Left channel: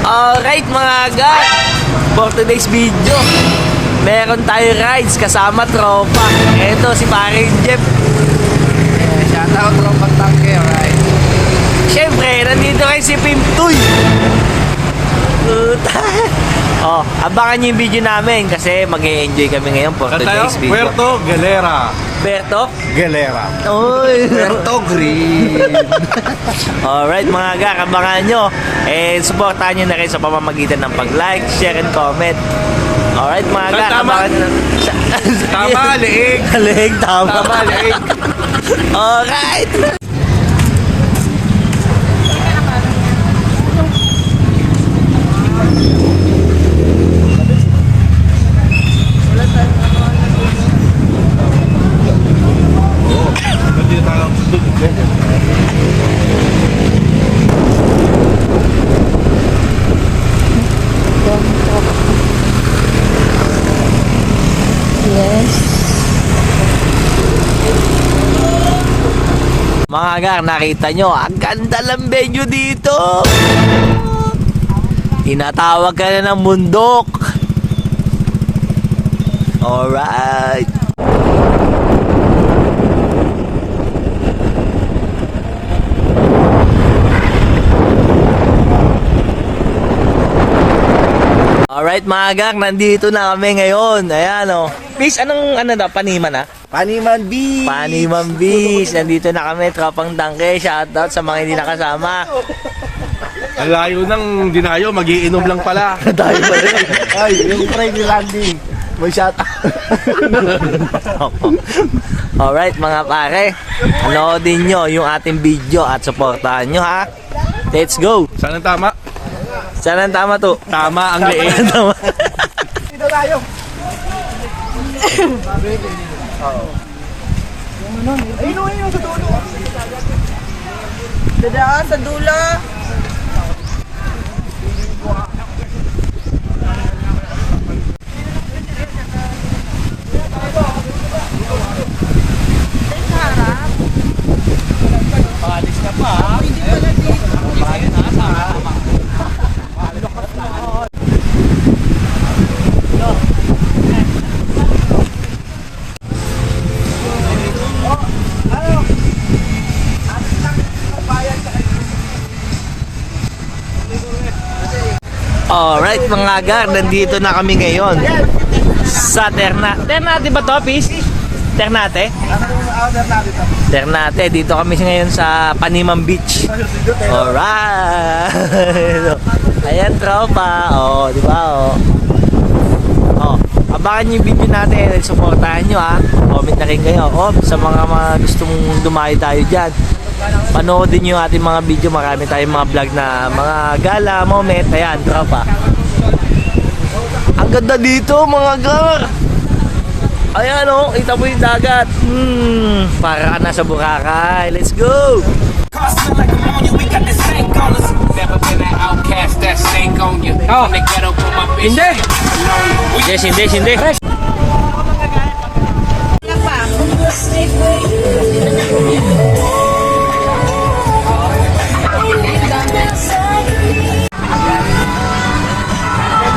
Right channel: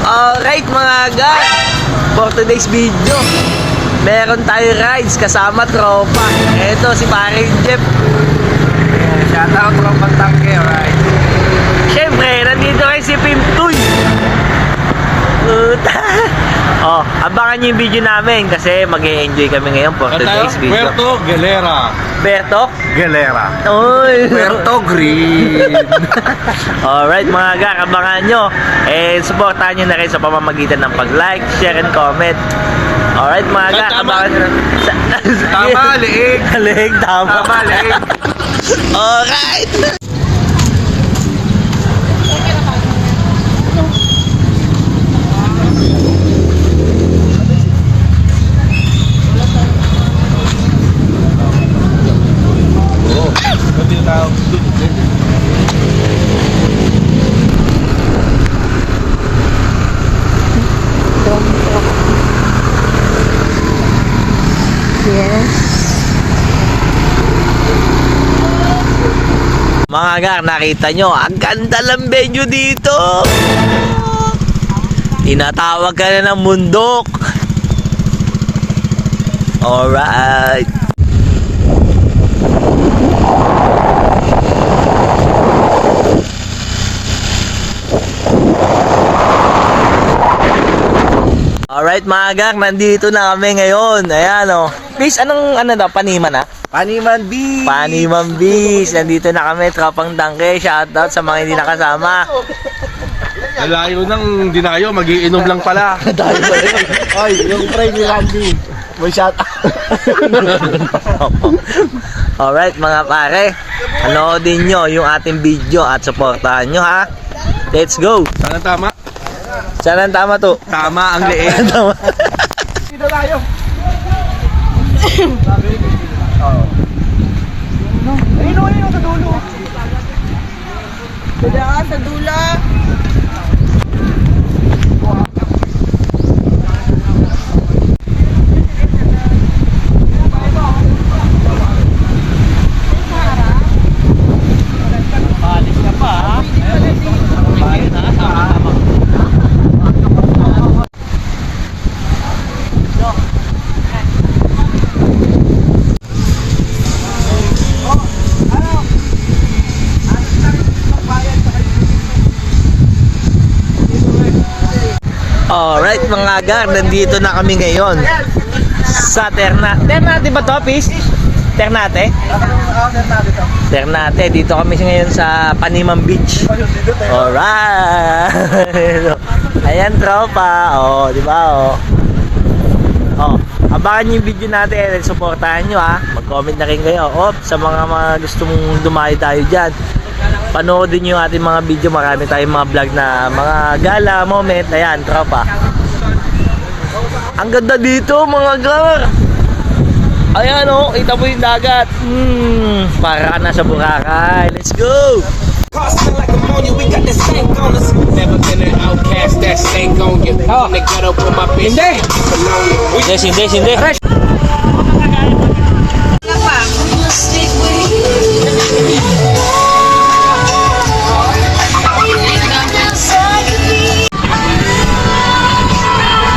Alright mga agad, for today's video, meron tayo rides kasama tropa. Ito si paring Jeff. Shoutout Trompang Tangke, alright. Siyempre, nandito kayo si Pimtoy. Oh, abangan nyo yung video namin kasi mag-e-enjoy kami ngayon for today's video. Puerto Galera. Berto? Galera. Oy! Puerto Green. Alright mga aga, abangan nyo. And supportahan nyo na rin sa pamamagitan ng pag-like, share, and comment. Alright mga aga, abangan nyo na. Tama, liig. Liig, tama. Tama, liig. Alright! Mga aga, nakita nyo, ang ganda ng venue dito. Tinatawag ka na ng bundok. Alright. Alright mga aga, nandito na kami ngayon. Ayan o. Please, anong daw? Paniman ha? Paniman Beach. Paniman Beach. Nandito na kami, Tropang Tangke. Shoutout sa mga hindi nakasama. Alayo ng dinayo, magiinom lang pala. Tayo pa rin. Ay, yung friend ni Randy. May shoutout. Alright mga pare, anoodin nyo yung ating video at supportahan nyo ha. Let's go. Saan ang tama? Saan ang tama to? Tama ang liig. Tama. Dito tayo. Ayun sa dulo. Dadaan sa dulo. Palis ka pa ha? Pwede pala dito. Palis na, sama-sama. Alright mga aga, nandito na kami ngayon sa Ternate ba to, Pis? Ternate? Ternate, dito kami ngayon sa Paniman Beach. Alright. Ayan tropa. Oh, di ba oh. Oh, abangan niyo yung video natin, supportahan niyo ha. Comment na rin kayo. Oh, sa mga gusto mong dumayo tayo diyan. Panoodin nyo yung ating mga video. Marami tayong mga vlog na mga gala, moment. Ayan, tropa. Ang ganda dito mga gar. Ayan o, kita mo yung dagat. Para ka na sa Boracay. Let's go. Hindi.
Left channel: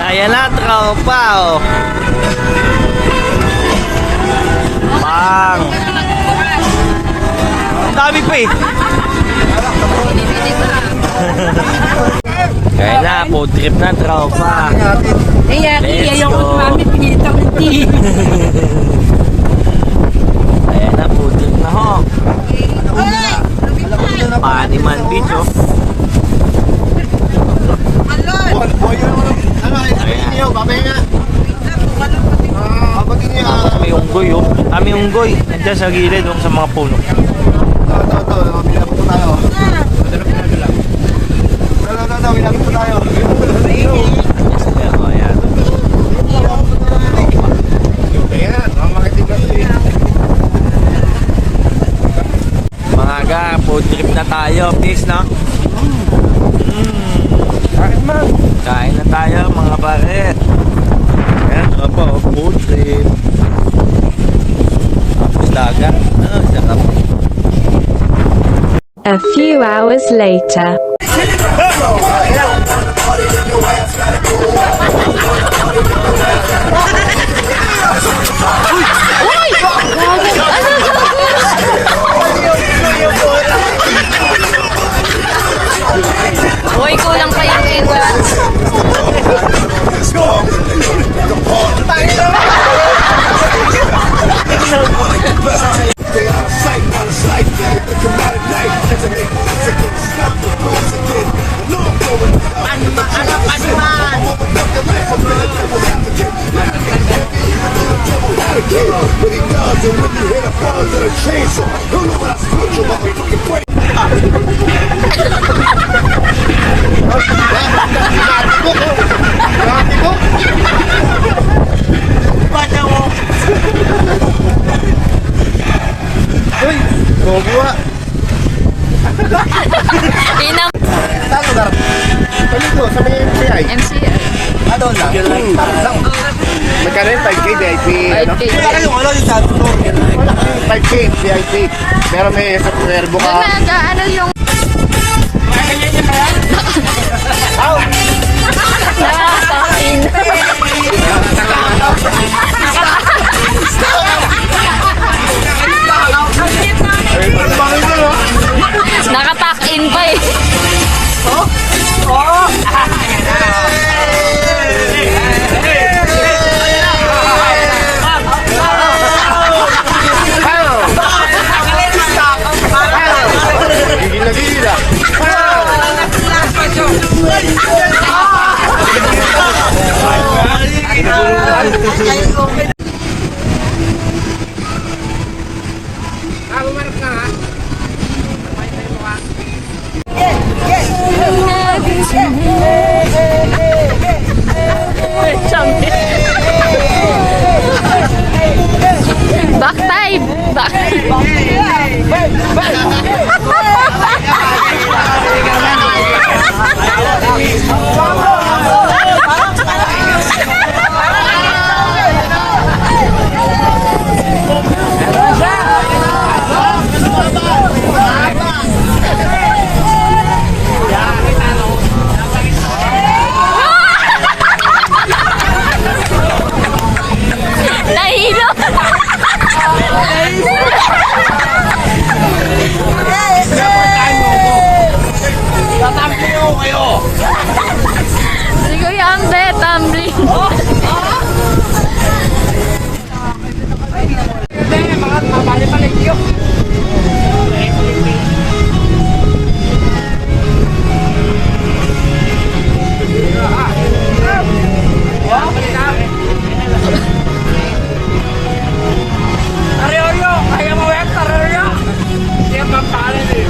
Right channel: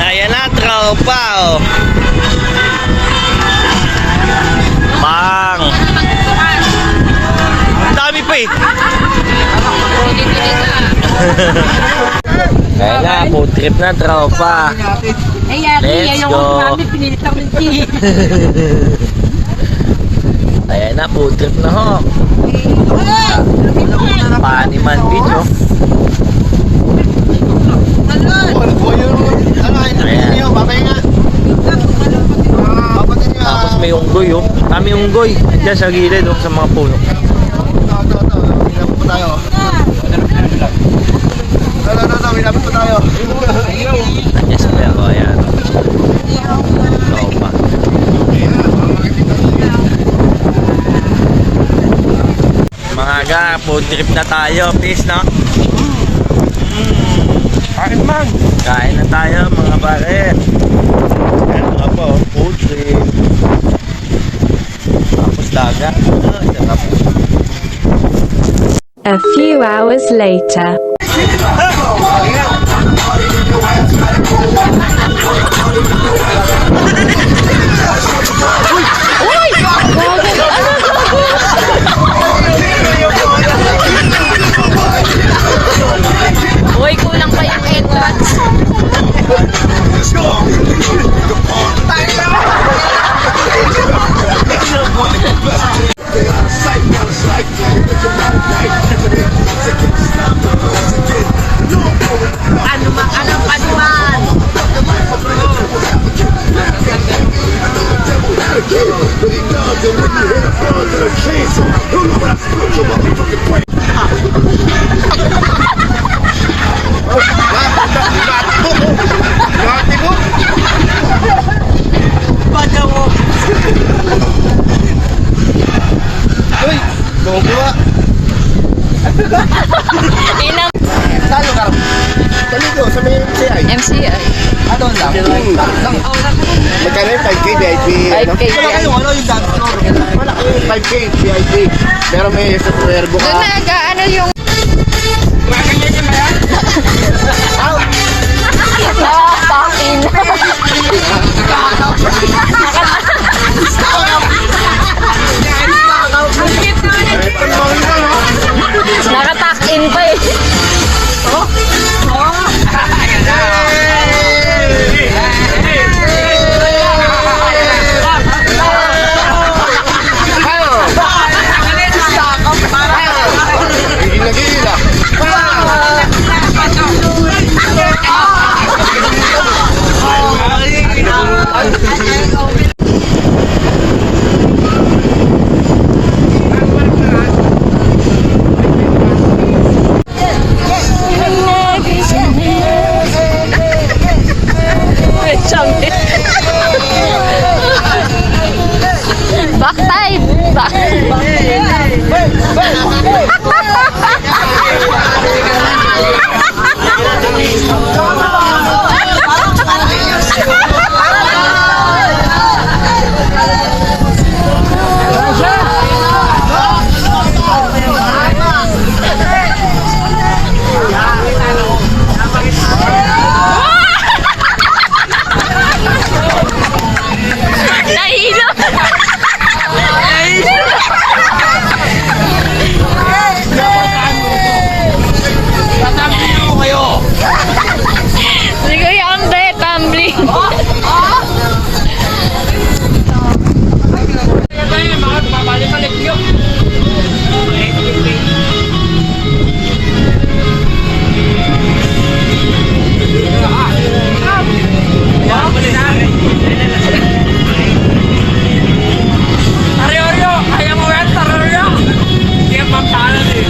Ayan na, tropa oh. Bang. Ang dami pa eh. Kaya na, food trip na tropa. Eh, yari, ayaw ko namin pinilitang ng tea. Ayan na, food trip na ho. Paniman Beach oh. Tapos may unggoy oh. Kami unggoy. Nandiyan sa gilid oh, sa mga puno. Winapit po tayo. Winapit po tayo. Nandiyan sila oh, ayan. Tropa. Mga aga, food trip na tayo. Peace no? Bakit man? Kain na tayo mga pare. Apa, food trip. Tapos dagat. A few hours later. Uy, kulang pa yung entrance. Uy, gogo ah. Tinang Saan lugar? Dito, sa may MCI. MCI. Doon lang. Lang. Magkano yung 5K VIP? 5K Ano? Wala yung dance floor. Wala kami 5K VIP. Pero may sa tuwerbo ka. Doon na, ano yung... Nakapakin. Nakapakin pa eh. Gigil na gigil ah. Back time. Back. Nahilo. Si Kuya Ambe, tumbling. Tariorio! Kaya mo yan, Tariorio! Hindi ang pampalan eh.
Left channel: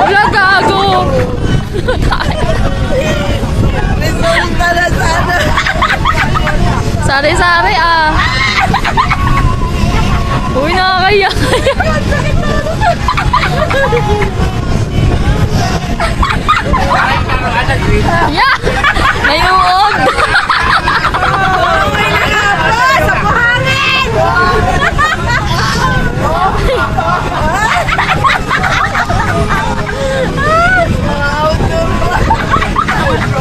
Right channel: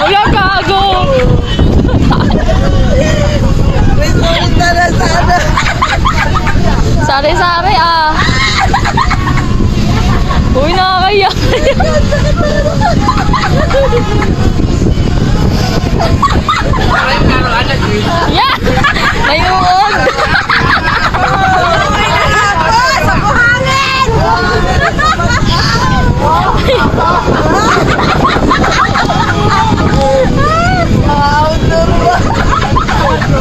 Wala gago. Sari-sari ah. Uy, nakakaya. Yeah! Nayuod!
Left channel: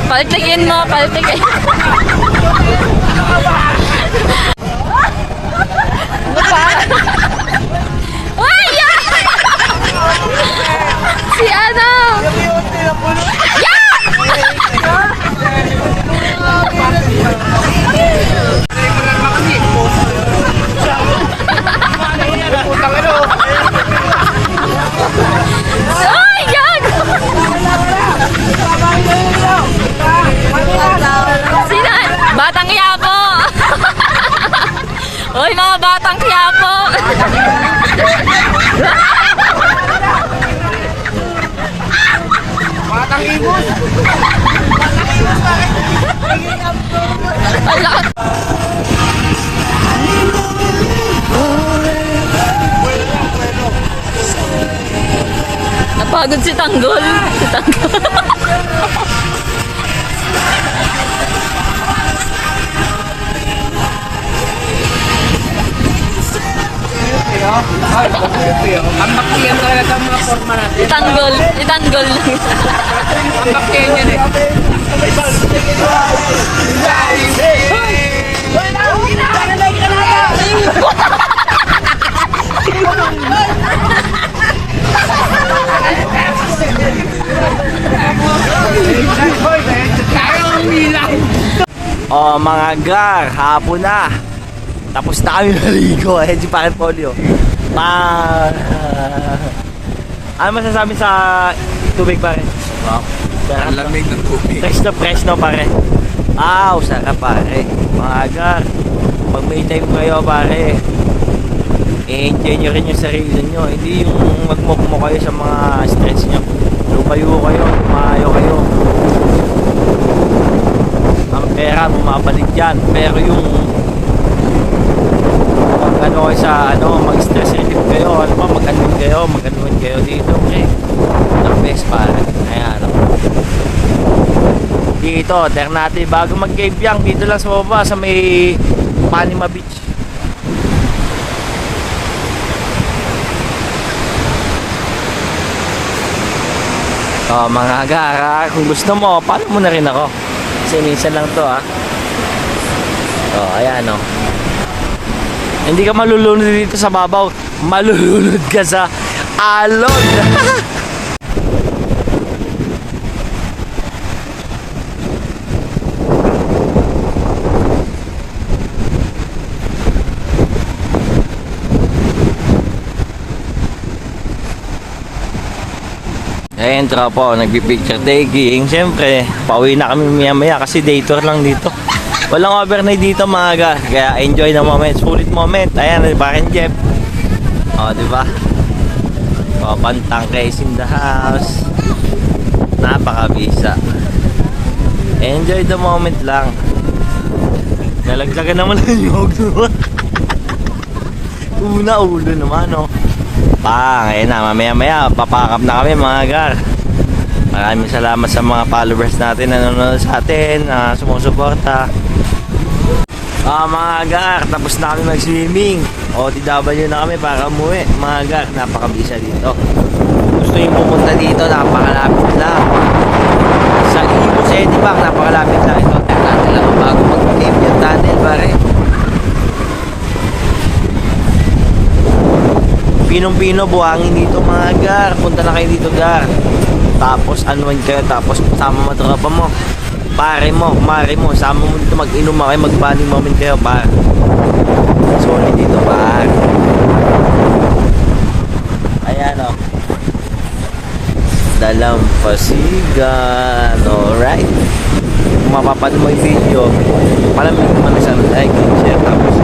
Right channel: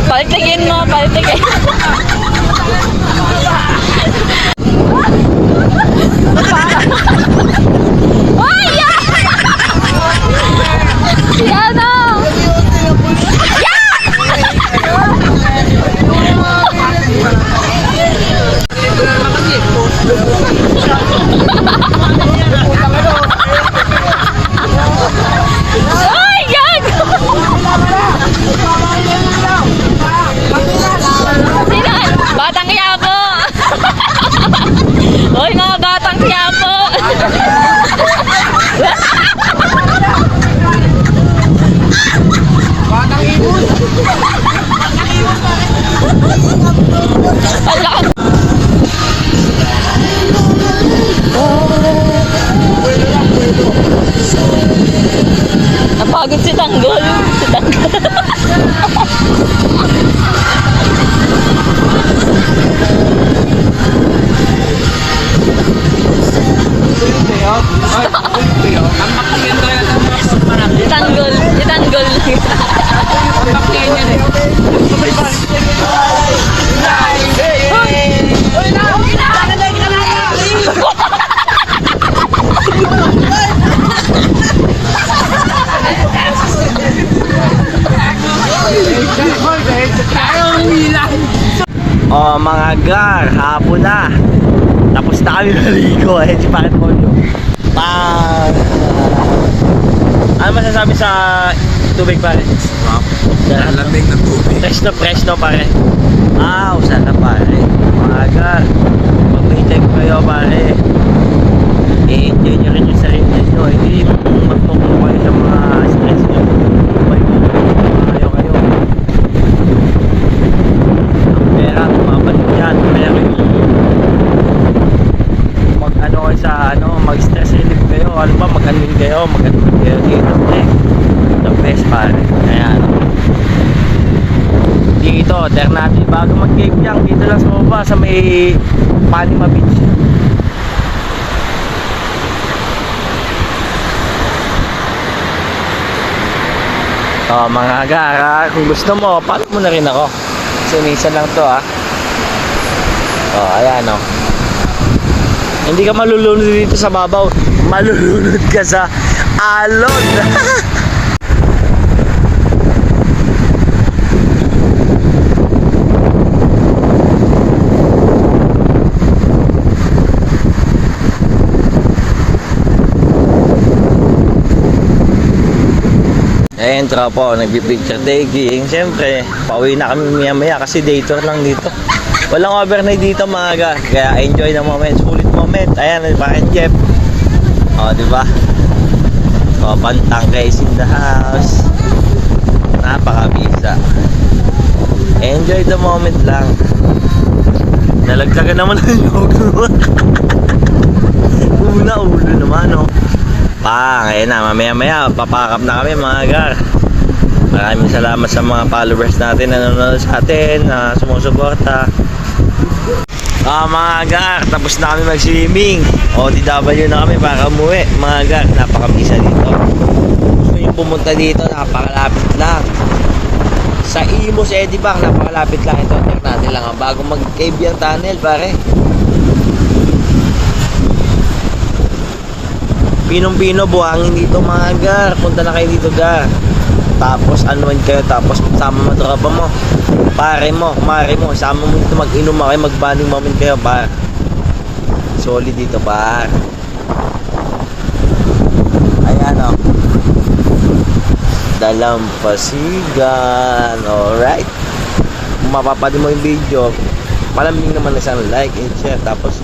Paltigin mo, paltigin. Uy! Yeah! Si ano? Ay, gago! Sino? Batang Quiapo! Uy, mga batang Quiapo! Si Tanggol. Si Tanggol. Ang baktiyan talaga sa mga forma natin. Si Tanggol. Si Tanggol. Ang baktiyan yan eh. Oh, mga gar, hapon na. Tapos na kami maligo. Ayan si Paret Polio. Ano masasabi sa tubig, pare? Wow. Ang lamig ng tubig. Fresh na pare. Wow, sarap pare. Mga gar, pag may time kayo pare, i-enjoy nyo rin yung sarili nyo. Hindi yung magmukmo kayo sa mga stress nyo. Lumayo kayo, lumayo kayo. Ang pera, bumabalik yan. Pero yung pag ano kayo sa mag-stress relief kayo, ano ba, mag-anuin kayo dito. Ang best pare. Kaya dito, alternative bago mag-cave yang dito lang sa baba sa may Panima Beach. Oh, mga gara, kung gusto mo, follow mo na rin ako. Kasi minsan lang to Oh, ayan Hindi ka malulunod dito sa babaw. Malulunod ka sa alon. Ayan, tropa, nagpipicture taking. Siyempre, pauwi na kami maya-maya kasi day tour lang dito. Walang overnight dito mga ga. Kaya enjoy the moment, sulit moment. Ayan, bakit Jeff? O, diba? O, Pantang guys in the house. Napakabisa. Enjoy the moment lang. Nalaglagan naman ang yog. Una, ulo naman, Ayan na, mamaya-maya, papakap na kami mga gar. Maraming salamat sa mga followers natin na nanonood sa atin, na sumusuporta. Mga gar, tapos na kami mag-swimming. OTW na kami para umuwi. Mga gar, napakabisa dito. Gusto yung pumunta dito, napakalapit lang. Sa Imus Edipac, napakalapit lang ito. Natin lang bago mag-cave yung tunnel, pare. Pinong-pino, buhangin dito mga gar. Punta na kayo dito gar. Tapos anuan kayo, tapos sama mo tropa mo, pare mo, kumare mo, sama mo dito, mag-inom kayo, mag-bonding moment kayo, par. Solid dito, par. Ayan Dalampasigan. Alright, kung mapapanood mo yung video, palambing naman isang like and share, tapos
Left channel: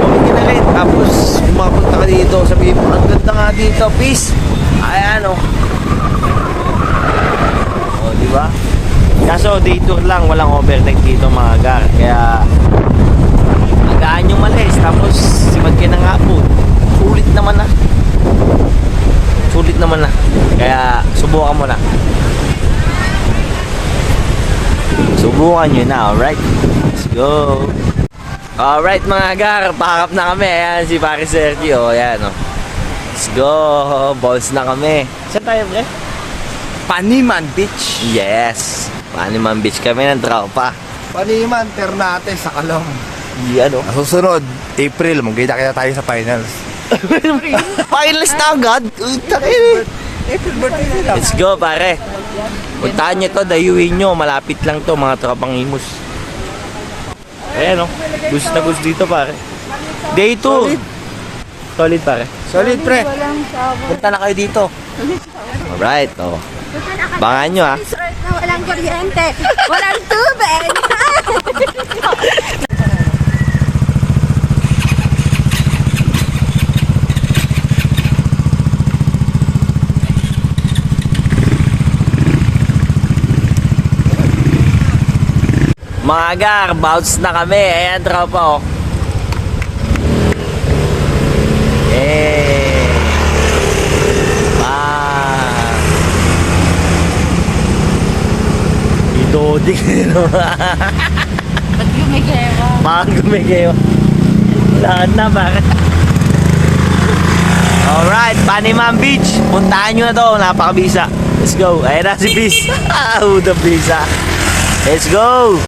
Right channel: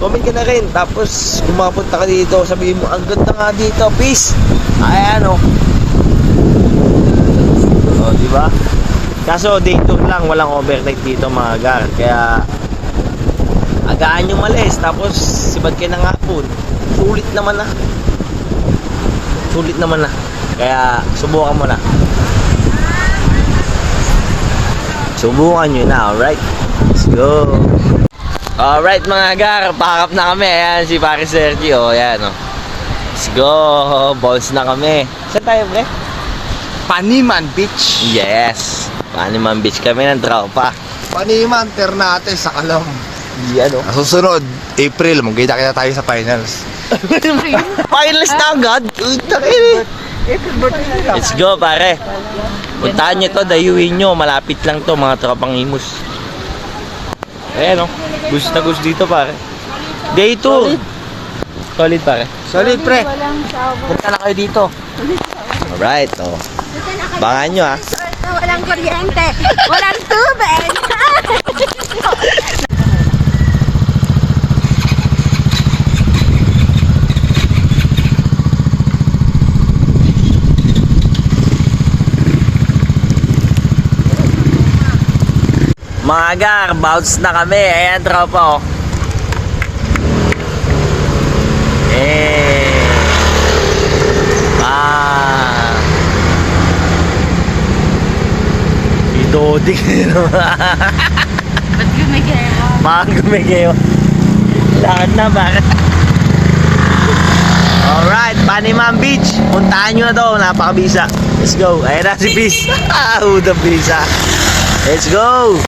comment ka na rin. Tapos kung makapunta ka dito, sabihin mo, ang ganda nga dito, peace. Ayan diba? Kaso day tour lang, walang overnight dito mga gar. Kaya agaan yung malis, tapos sibad kayo ng hapon. Sulit naman na. Kaya subukan mo na. Subukan nyo na, alright? Let's go. Alright mga gar, pakap na kami. Ayan si Pare Sergio. Ayan Let's go. Balls na kami. Saan tayo, pre? Paniman Beach. Yes. Paniman Beach kami ng tropa. Paniman, Ternate, sa Kalam. Yan Susunod, April, magkita-kita tayo sa finals. Finals na agad. April birthday nila. Let's go pare. Puntahan nyo to, dayuin nyo. Malapit lang to, mga tropang Imus. Ayan gusto na gusto dito pare. Day 2. Solid pare. Solid, pre. Punta na kayo dito. Alright, Bangan nyo Walang kuryente. Walang tubig. Mga gar, bounce na kami. Ayan, tropa Wow. Hindi ko Ba't gumigawa? mga gumigayo. Lahat na, bakit? Alright, Panimam Beach. Puntahan nyo na to, napakabisa. Let's go. Ayan na si Peace. Who the bisa. Let's go.